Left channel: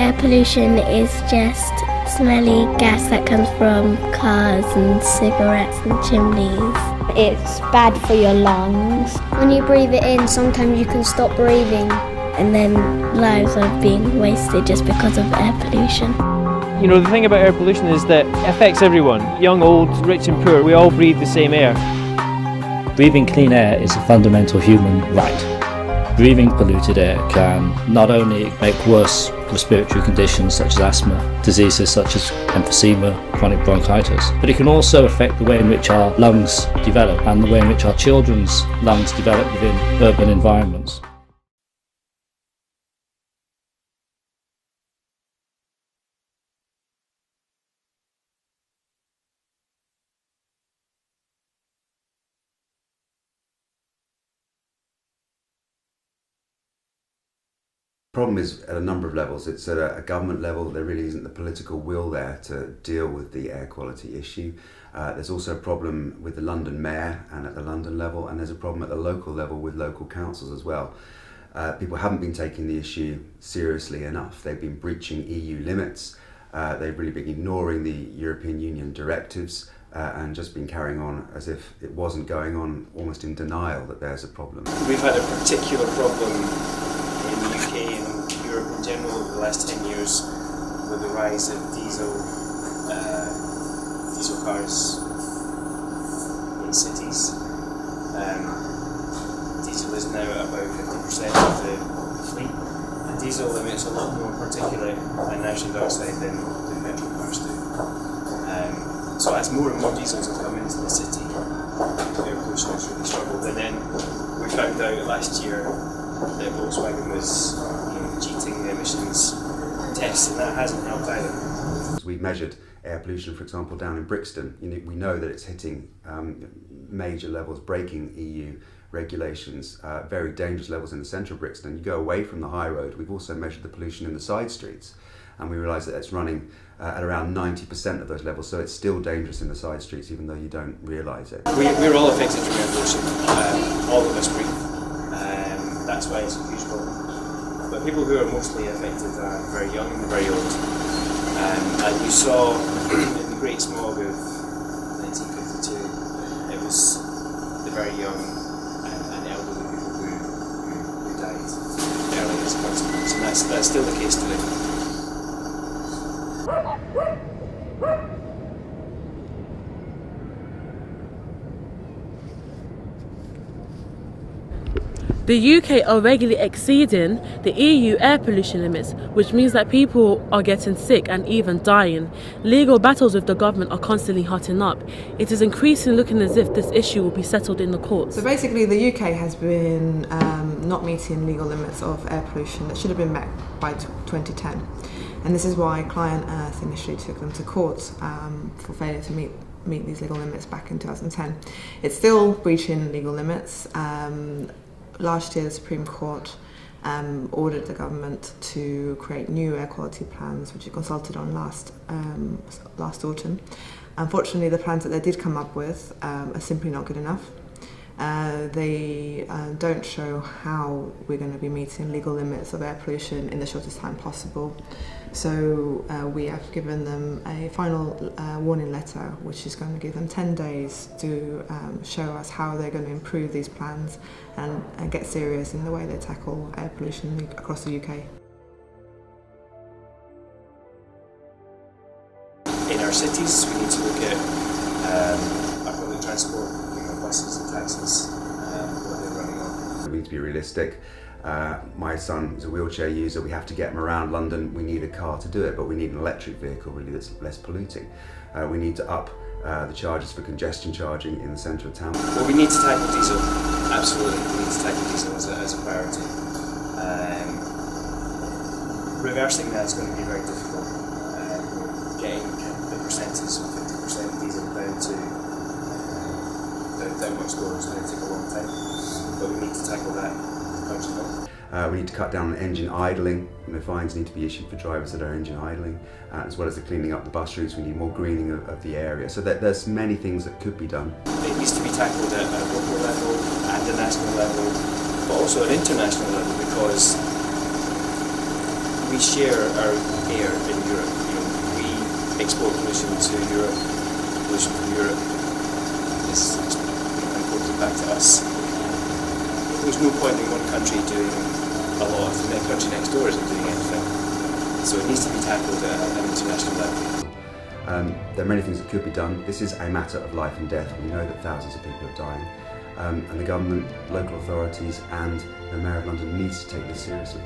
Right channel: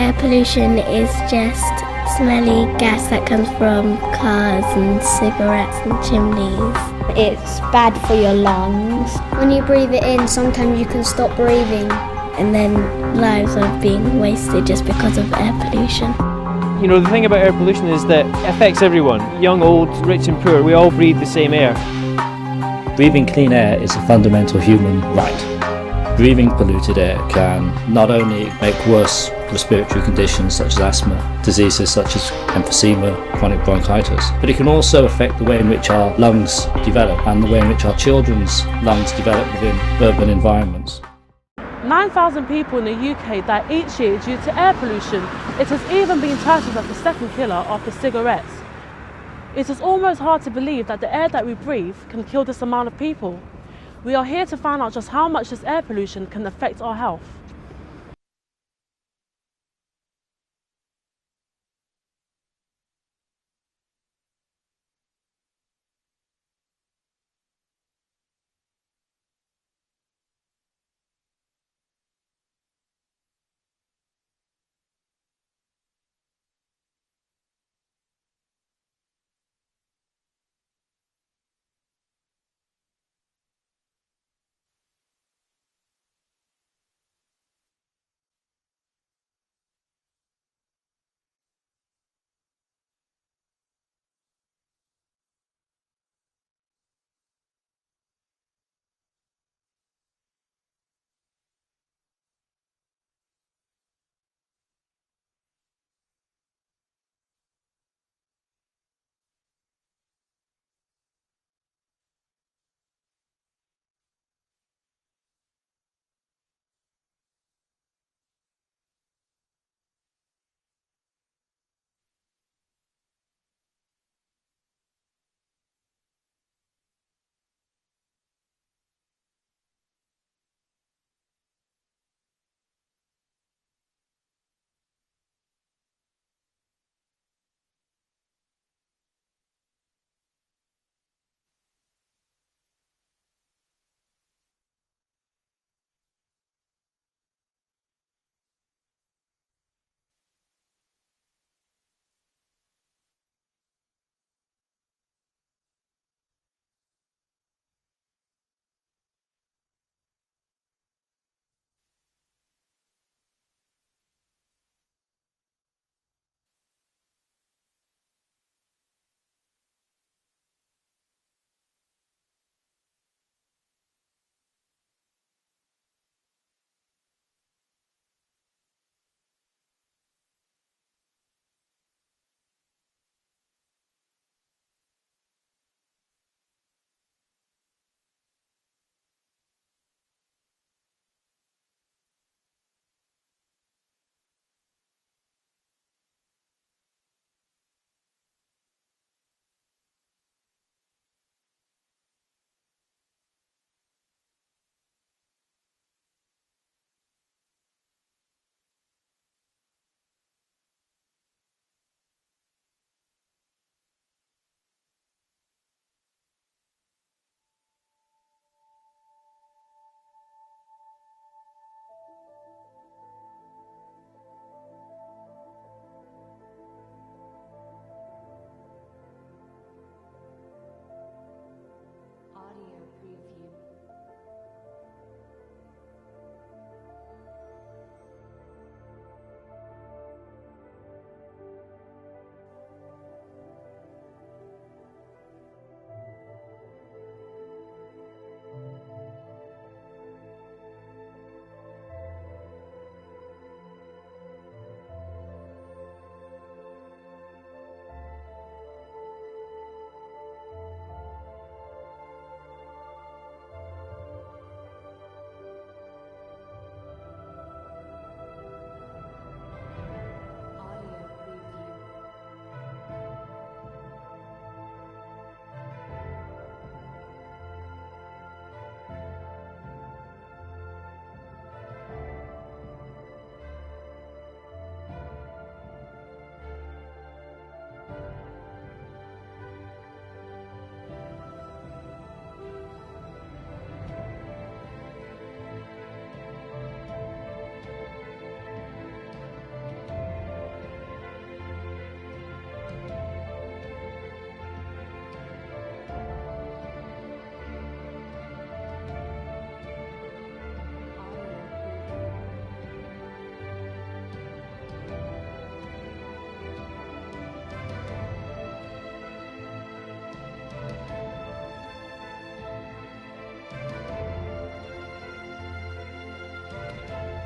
Air pollution is just smelly gas that comes from cars and cigarettes and chimneys. It's bad for your lungs. When you breathe it in, sometimes you can stop breathing. And then lives are being wasted just because of air pollution. You know, the thing about air pollution is that it affects everyone, young, old, rich and poor. We all breathe the same air. Breathing clean air is a fundamental human right. Breathing polluted air can not only make worse respiratory conditions such as asthma, diseases such as emphysema, chronic bronchitis, but it can also affect the way in which our lungs develop and the way in which our children's lungs develop within urban environments. 9,000 people in the UK die each year due to air pollution. It has even been titled as the second killer after cigarettes. It is almost hard to believe that the air that we breathe can kill this amount of people. We are here to find out just how much this air pollution can affect our health. The problem is at a number of levels. It's at a government level. There really isn't the political will there to deal with the air quality issue. There's also a problem with the London mayor and at the London level, and there's a problem at the local level with local councils as well. People haven't been taking the issue seriously enough. They've been breaching EU limits. They've really been ignoring the European Union directives and just been carrying on as if it wasn't going on, almost in denial that there's a problem. We've had a particular problem in the UK and Europe in general over the last 10 years with the rise of diesel cars in cities. Diesel is now at about 50% of the fleet. And diesel emits a lot more particulate and nitrogen dioxide than petrol cars do. So as more and more diesels have come into the city, air pollution has really struggled. And then we found out last year that Volkswagen was cheating the emissions tests, and that hasn't helped either. We've measured air pollution, for example, down in Brixton. We know that it's hitting major levels, breaking EU regulations, very dangerous levels in the centre of Brixton. You go away from the high road. We've also measured the pollution in the side streets, and we realise that it's running at around 90% of those levels, so it's still dangerous in the side streets even though you don't realise it. We're all affected from air pollution, all of us breathe, that's why it's a huge problem. But people who are mostly affected are very young and very old, and you saw in the Great Smog of 1952, it was the very young and elderly people who died early as a consequence, and that's still the case today. The UK are regularly exceeding the EU air pollution limits, which means that people are getting sick and even dying. Legal battles with the government are constantly hotting up. It is increasingly looking as if this issue will be settled in the courts. So basically the UK has been not meeting legal limits of air pollution that should have been met by 2010. And this is why Client Earth initially took them to court for failure to meet these legal limits back in 2010. It's still breaching legal limits. Last year, the Supreme Court ordered the government to create new air quality plans, which it consulted on last autumn. Unfortunately, the plans that they did come up with are simply not good enough. They don't show how we're going to be meeting legal limits of air pollution in the shortest time possible. So we have given them a final warning letter, which is going to give them 10 days to show us how they're going to improve these plans and get serious in the way they tackle air pollution across the UK. In our cities, we need to look at our public transport, buses and taxis, what they're running on. We need to be realistic. My son is a wheelchair user. We have to get him around London. We need a car to do it, but we need an electric vehicle really that's less polluting. We need to up the charges for congestion charging in the centre of town. Well, we need to tackle diesel. Absolutely, we need to tackle diesel as a priority. Reversing that is going to be very difficult. Getting the percentage of 50% diesel down much lower is going to take a long time. But we need to tackle that urgently. We need to cut down on engine idling. Fines need to be issued for drivers that are engine idling, as well as the cleaning up the bus routes. We need more greening of the area. So there's many things that could be done. It needs to be tackled at a local level, at the national level, but also at international level, because we share our air in Europe. You know, we export pollution to Europe. Pollution from Europe is imported back to us. There's no point in one country doing a lot if the country next door isn't doing anything. So it needs to be tackled at an international level. There are many things that could be done. This is a matter of life and death. We know that thousands of people are dying. And the government, local authorities and the Mayor of London needs to take this seriously.